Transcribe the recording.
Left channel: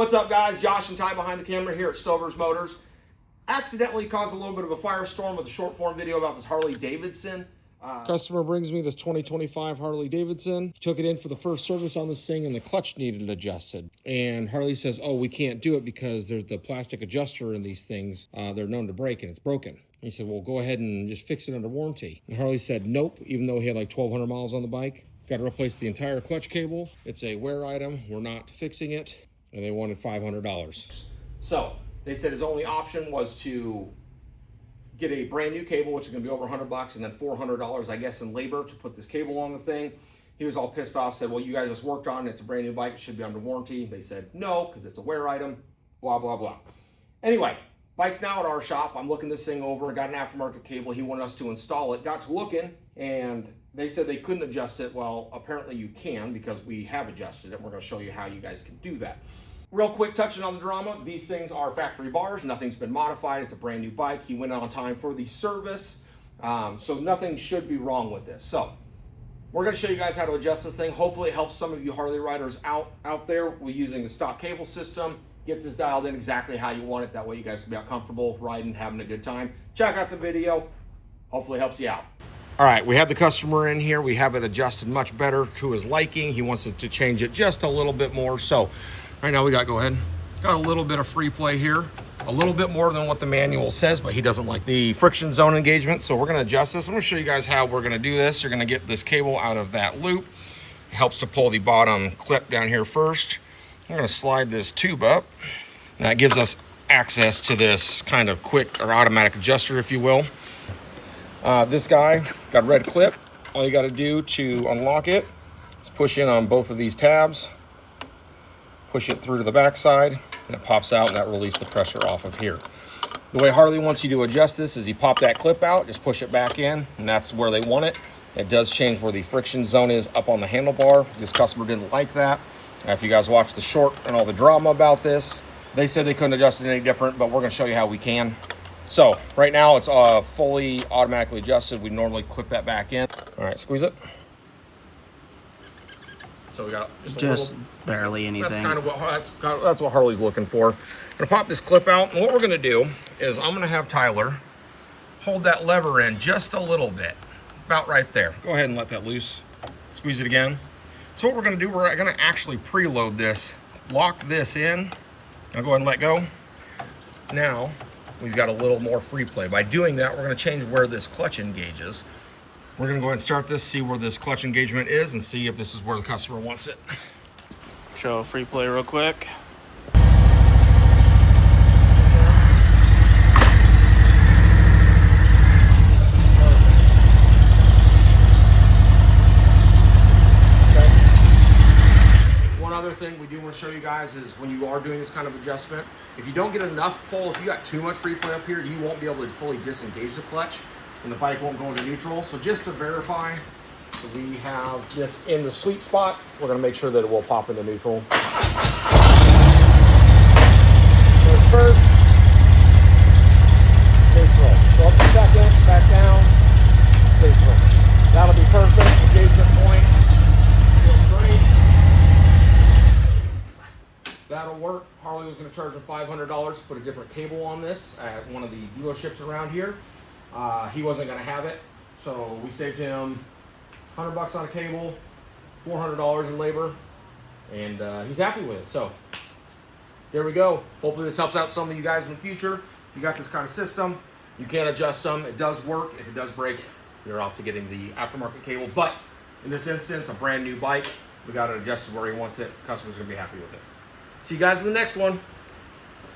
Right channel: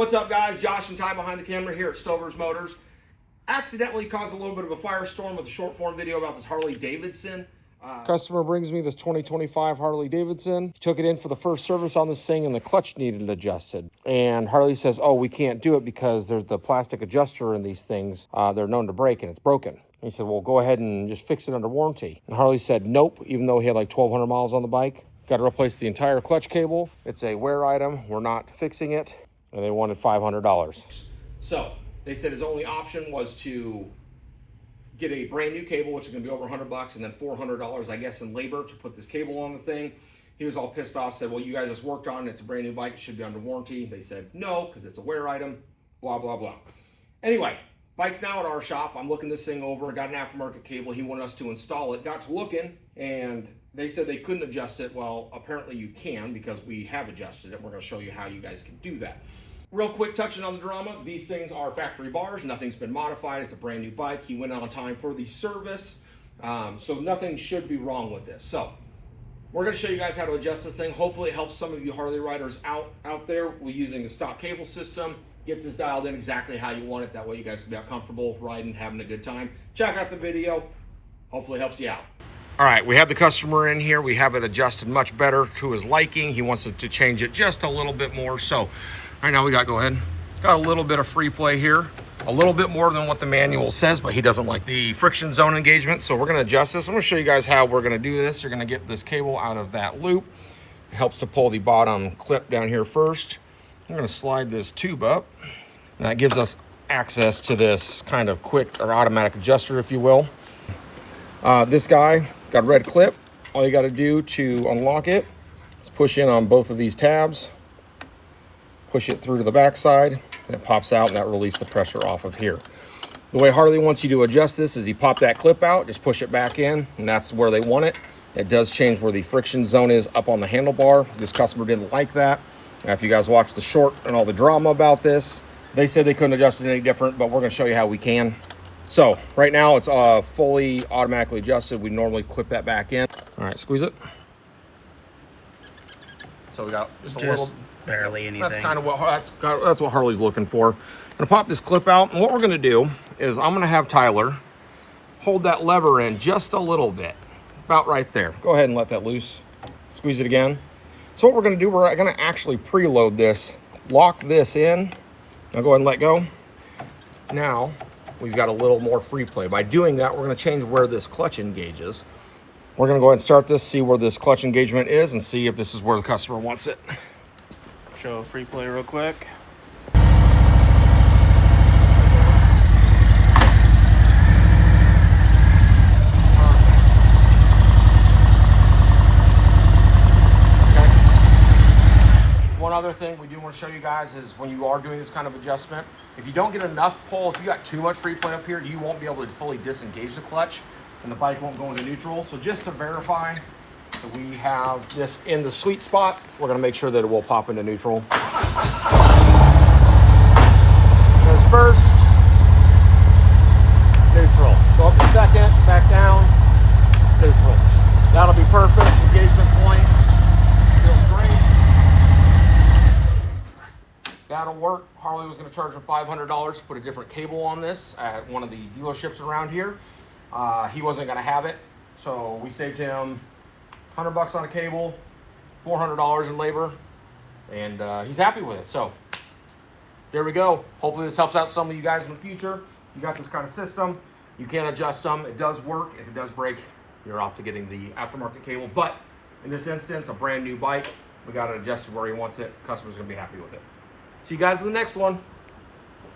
What's up, guys? Josh and Ty behind the camera here at Stover's Motors. Accidentally caused a little bit of a firestorm with a short form video about this Harley Davidson. Customer brings me this 2025 Harley Davidson. Took it in for the first service on this thing and the clutch needed adjusted. And Harley says, oh, we can't do it because there's the plastic adjuster in these things. They're known to break and it's broken. And he said, well, go ahead and just fix it under warranty. And Harley said, nope, even though he had like 1,200 miles on the bike. Got to replace the entire clutch cable. It's a wear item. We're not fixing it. And they wanted $500. So they said his only option was to get a brand new cable, which is going to be over $100, and then $400, I guess, in labor to put this cable on the thing. He was all pissed off, said, well, you guys just worked on it. It's a brand new bike. It should be under warranty. They said, no, because it's a wear item, blah, blah, blah. Anyway, bike's now at our shop. I'm looking this thing over. Got an aftermarket cable. He wanted us to install it. Got to looking, and they said they couldn't adjust it. Well, apparently you can because we have adjusted it. We're going to show you how you guys can do that. Real quick, touching on the drama, these things are factory bars. Nothing's been modified. It's a brand new bike. He went on time for the service, so nothing should be wrong with this. So we're going to show you guys how to adjust this thing. Hopefully it helps some of you Harley riders out there. We're using the stock cable system. Get this dialed in exactly how you want it. That way you guys can be out comfortable riding, having a good time. Check out the video. Hopefully it helps you out. All right, we have the customer in here. We have it adjusted much better to his liking. He wants it to change it just a little bit more. So right now we got, go ahead. Got a little bit of free play here. A little bit more than what the manual says, but he doesn't like the friction zone engagement. So we're gonna adjust this. I'm gonna show you guys how we're gonna do this. You're gonna get this cable out of that loop. It helps to pull the bottom clip down here first. I'm gonna slide this tube up. And that gives us access to this kind of quick or automatic adjuster, if you will. This guy got a red clip. All you gotta do to unlock it is push in on both of these tabs, push it through to the back side, and it pops out, and that releases the pressure off of here. The way Harley wants you to adjust this is you pop that clip out, just push it back in, and that's where they want it. It does change where the friction zone is up on the handlebar. This customer didn't like that. Now, if you guys watch the short and all the drama about this, they said they couldn't adjust it any different, but we're gonna show you how we can. So right now it's fully automatically adjusted. We normally clip that back in. All right, squeeze it. So we got just a little, barely anything. That's kind of what that's what Harley's looking for. I'm gonna pop this clip out, and what we're gonna do is I'm gonna have Tyler hold that lever in just a little bit, about right there. Go ahead and let that loose. Squeeze it again. So what we're gonna do, we're gonna actually preload this, lock this in. Now go ahead and let go. Now we've got a little more free play. By doing that, we're gonna change where this clutch engages. We're gonna go ahead and start this, see where this clutch engagement is, and see if this is where the customer wants it. Show free play real quick. One other thing we do want to show you guys is when you are doing this kind of adjustment, if you don't get enough pull, if you got too much free play up here, you won't be able to fully disengage the clutch and the bike won't go into neutral. So just to verify that we have this in the sweet spot, we're going to make sure that it will pop into neutral. First, neutral. Go up a second, back down, neutral. That'll be perfect. Engagement point. Feels great. That'll work. Harley was going to charge him $500 to put a different cable on this at one of the dealerships around here. He wasn't going to have it, so we saved him $100 on a cable, $400 in labor, and he's happy with it. So there we go. Hopefully this helps out some of you guys in the future. If you got this kind of system, you can adjust them. It does work. If it does break, you're off to getting the aftermarket cable. But in this instance, a brand new bike, we got it adjusted where he wants it. Customer's going to be happy with it. See you guys in the next one.